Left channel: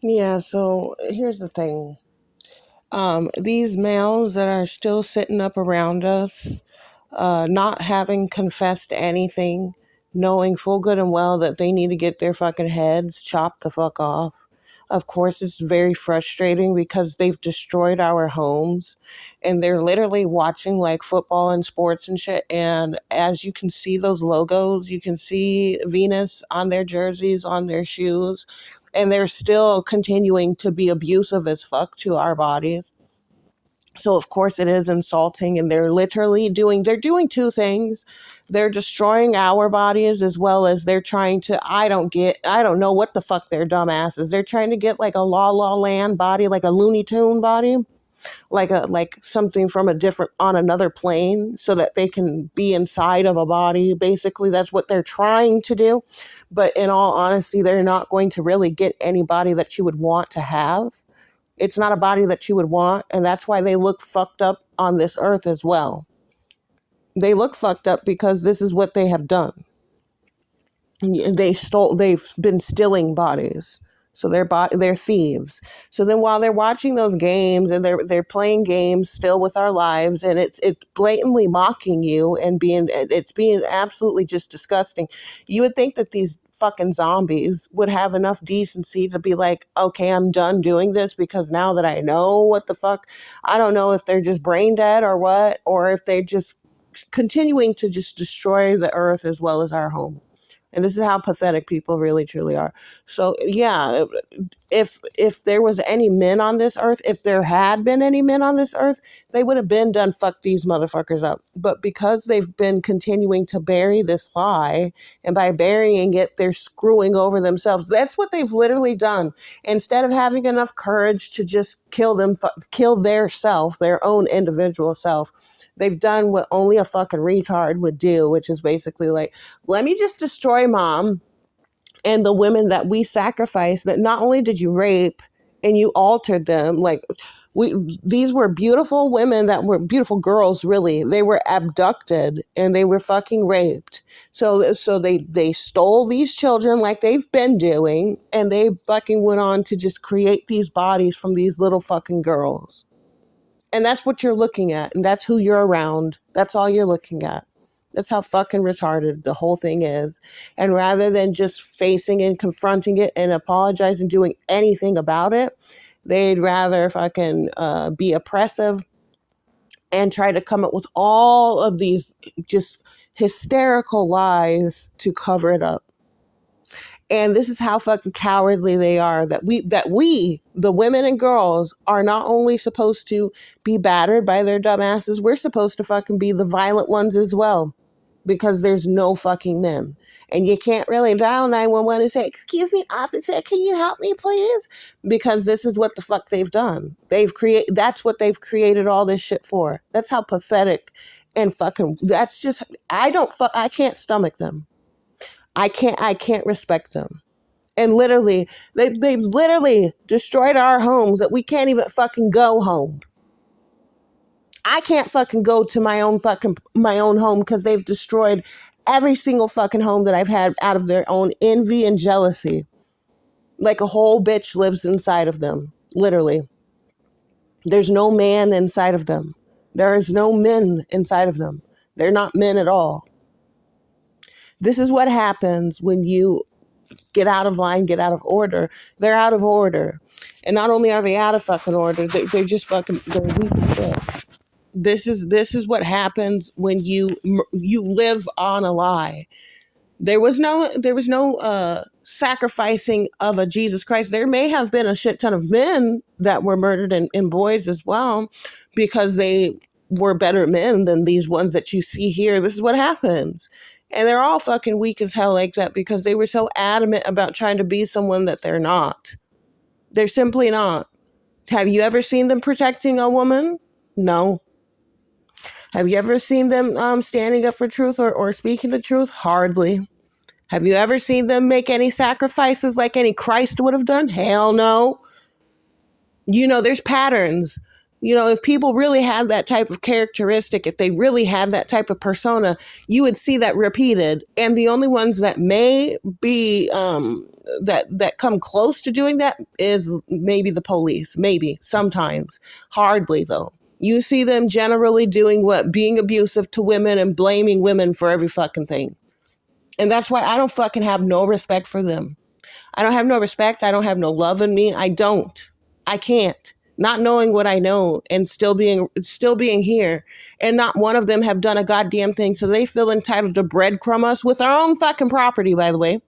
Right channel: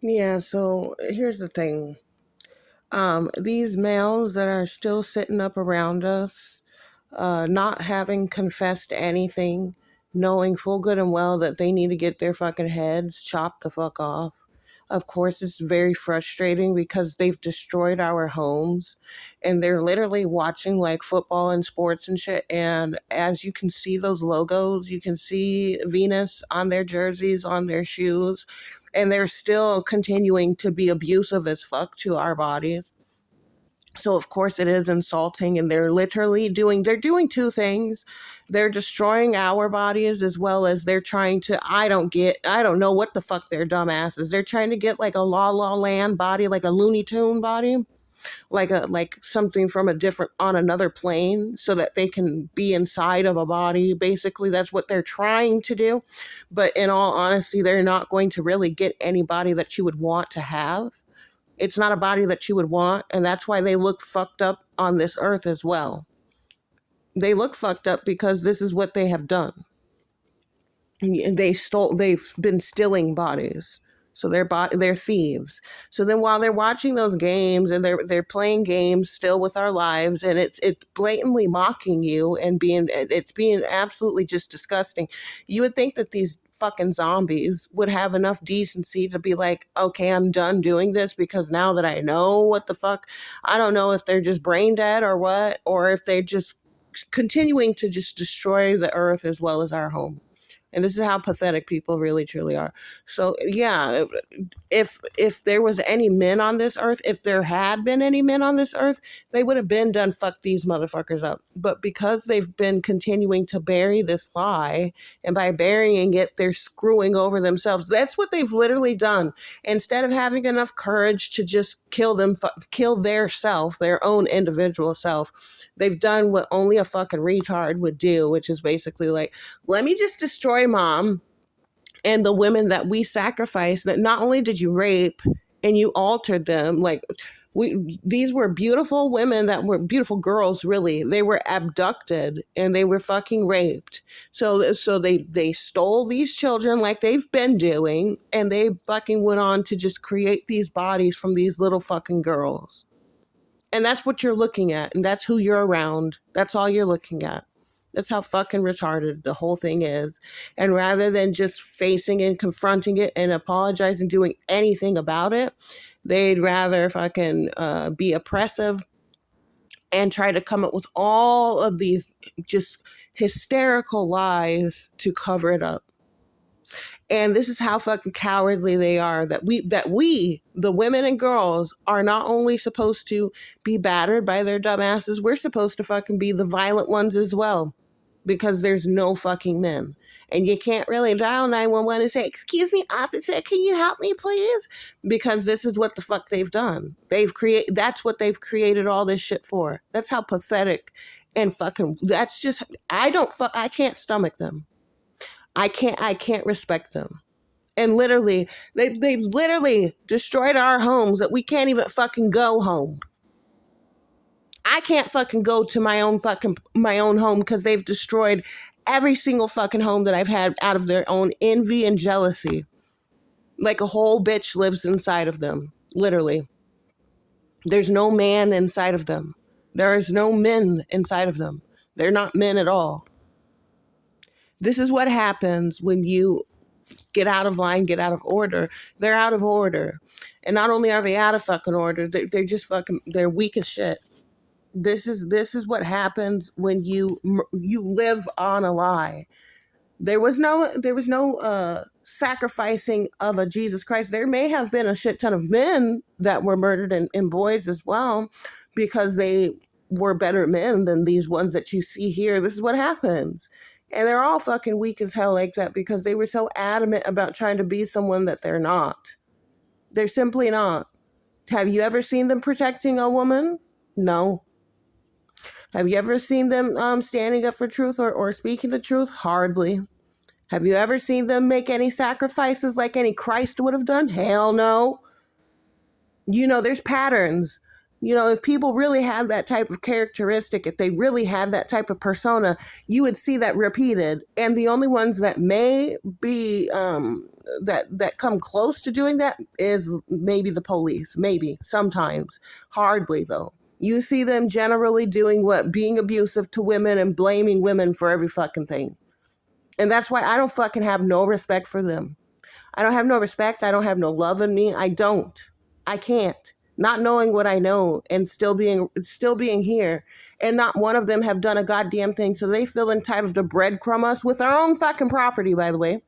Yeah, so here's the thing. These males that are still sitting up around us, not having confessed anything, knowing full good and well that they need to get their fucking heads chopped the fuck off. Of course, it's very frustrating because they've destroyed our homes and they're literally watching like football and sports and shit. And as you can see, those logos, you can see Venus on their jerseys, on their shoes, and they're still continuing to be abusive as fuck to our bodies. So of course it is insulting, and they're doing two things. They're destroying our bodies, as well as they're trying to, I don't know what the fuck their dumbass is. They're trying to get like a La La Land body, like a Looney Tune body, like something from a different, on another plane, so that they can be inside of a body. Basically that's what they're trying to do. But in all honesty, they're not going to really get anybody that you would want to have. It's not a body that you would want, and that's why they look fucked up on this earth as well. They look fucked up because this is what they have done. They've been stealing bodies. So they're thieves. So then while they're watching those games and they're playing games still with our lives, and it's blatantly mocking you, and it's being absolutely just disgusting. You would think that these fucking zombies would have enough decency to be like, okay, I'm done doing this, because now that I know what the fuck, I don't know if they're just brain dead or what, or if they just continuing to just destroy the earth as well as our home. And this is how pathetic people really truly are. So yeah, if there was any men on this earth, if there had been any men on this earth, they would have been done fuck these motherfuckers up. But because they've been continuing to bury this lie, and by burying it, they're screwing over themselves. That's what they've literally done. Instead of having enough courage to just kill their self, their own individual self, they've done what only a fucking retard would do, which is basically like, let me just destroy mom and the women that we sacrificed, that not only did you rape and you altered them, like, these were beautiful women, that were beautiful girls, really. They were abducted and they were fucking raped. So they stole these children like they've been doing, and they fucking went on to just create these bodies from these little fucking girls. And that's what you're looking at, and that's who you're around. That's all you're looking at. That's how fucking retarded the whole thing is. And rather than just facing and confronting it and apologizing, doing anything about it, they'd rather fucking be oppressive and try to come up with all of these just hysterical lies to cover it up. And this is how fucking cowardly they are, that we, the women and girls, are not only supposed to be battered by their dumbasses, we're supposed to fucking be the violent ones as well, because there's no fucking men. And you can't really dial 911 and say, "Excuse me, officer, can you help me, please?" Because this is what the fuck they've done. That's what they've created all this shit for. That's how pathetic and fucking, that's just, I can't stomach them. I can't respect them. And literally, they've literally destroyed our homes, that we can't even fucking go home. I can't fucking go to my own home, because they've destroyed every single fucking home that I've had out of their own envy and jealousy. Like a whole bitch lives inside of them. Literally. There's no man inside of them. There is no men inside of them. They're not men at all. This is what happens when you get out of line, get out of order. They're out of order. And not only are they out of fucking order, they're just fucking, they're weak as shit. This is what happens when you live on a lie. There was no sacrificing of a Jesus Christ. There may have been a shit ton of men that were murdered, and boys as well, because they were better men than these ones that you see here. This is what happens. And they're all fucking weak as hell like that, because they were so adamant about trying to be someone that they're not. They're simply not. Have you ever seen them protecting a woman? No. Have you ever seen them standing up for truth, or speaking the truth? Hardly. Have you ever seen them make any sacrifices like any Christ would have done? Hell no. There's patterns. You know, if people really had that type of characteristic, if they really had that type of persona, you would see that repeated. And the only ones that may be that come close to doing that is maybe the police, maybe sometimes, hardly though. You see them generally doing what? Being abusive to women and blaming women for every fucking thing. And that's why I don't fucking have no respect for them. I don't have no respect. I don't have no love in me. I don't. I can't. Not knowing what I know and still being here, and not one of them have done a goddamn thing, so they feel entitled to breadcrumb us with our own fucking property, by the way.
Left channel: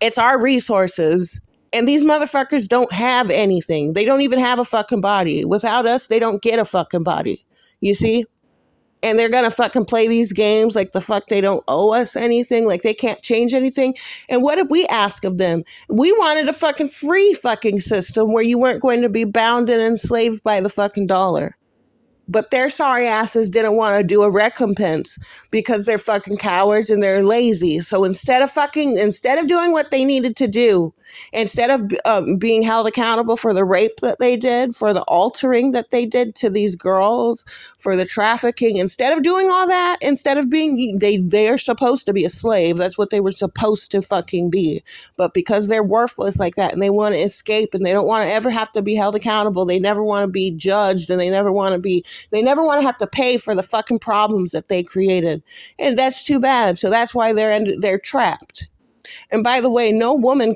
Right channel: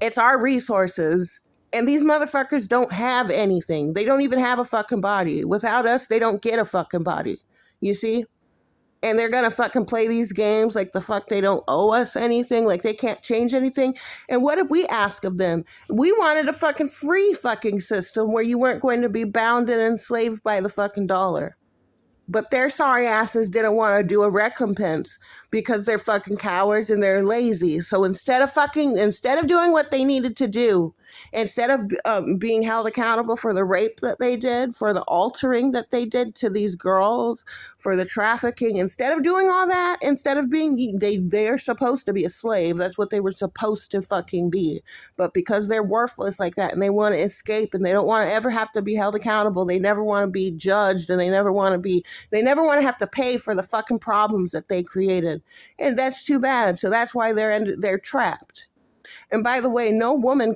It's our resources. And these motherfuckers don't have anything. They don't even have a fucking body. Without us, they don't get a fucking body. You see? And they're gonna fucking play these games like the fuck they don't owe us anything, like they can't change anything. And what did we ask of them? We wanted a fucking free fucking system where you weren't going to be bound and enslaved by the fucking dollar. But their sorry asses didn't want to do a recompense because they're fucking cowards and they're lazy. So instead of doing what they needed to do, instead of being held accountable for the rape that they did, for the altering that they did to these girls, for the trafficking, instead of doing all that, instead of being, they're supposed to be a slave. That's what they were supposed to fucking be. But because they're worthless like that and they want to escape and they don't want to ever have to be held accountable, they never want to be judged, and they never want to have to pay for the fucking problems that they created. And that's too bad. So that's why they're trapped. And by the way, no woman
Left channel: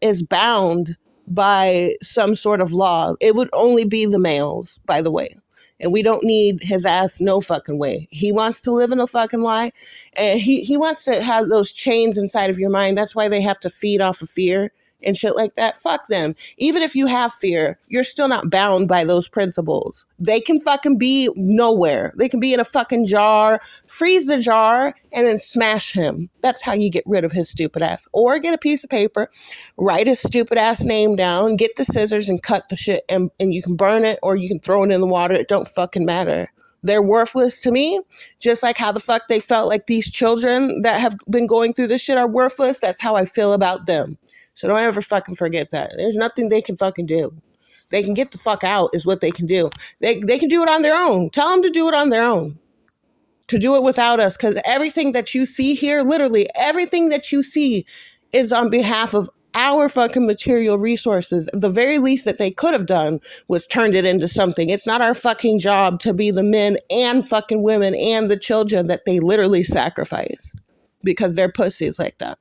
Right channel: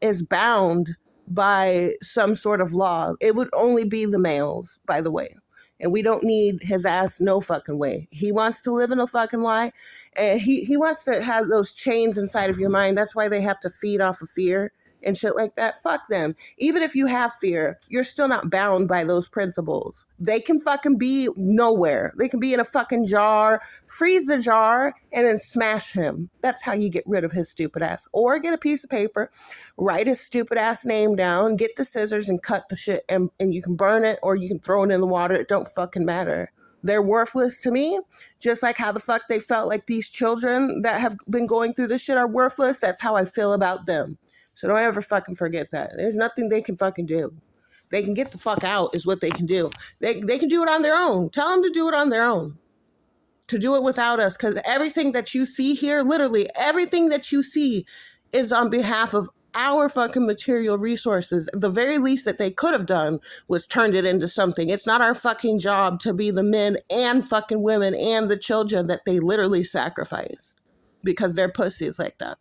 is bound by some sort of law. It would only be the males, by the way. And we don't need his ass no fucking way. He wants to live in a fucking lie. And he wants to have those chains inside of your mind. That's why they have to feed off of fear and shit like that. Fuck them. Even if you have fear, you're still not bound by those principles. They can fucking be nowhere. They can be in a fucking jar, freeze the jar, and then smash him. That's how you get rid of his stupid ass. Or get a piece of paper, write his stupid ass name down, get the scissors and cut the shit, and you can burn it or you can throw it in the water. It don't fucking matter. They're worthless to me, just like how the fuck they felt like these children that have been going through this shit are worthless. That's how I feel about them. So don't ever fucking forget that. There's nothing they can fucking do. They can get the fuck out is what they can do. They can do it on their own. Tell them to do it on their own. To do it without us. Because everything that you see here, literally everything that you see is on behalf of our fucking material resources. The very least that they could have done was turned it into something. It's not our fucking job to be the men and fucking women and the children that they literally sacrificed because they're pussies like that.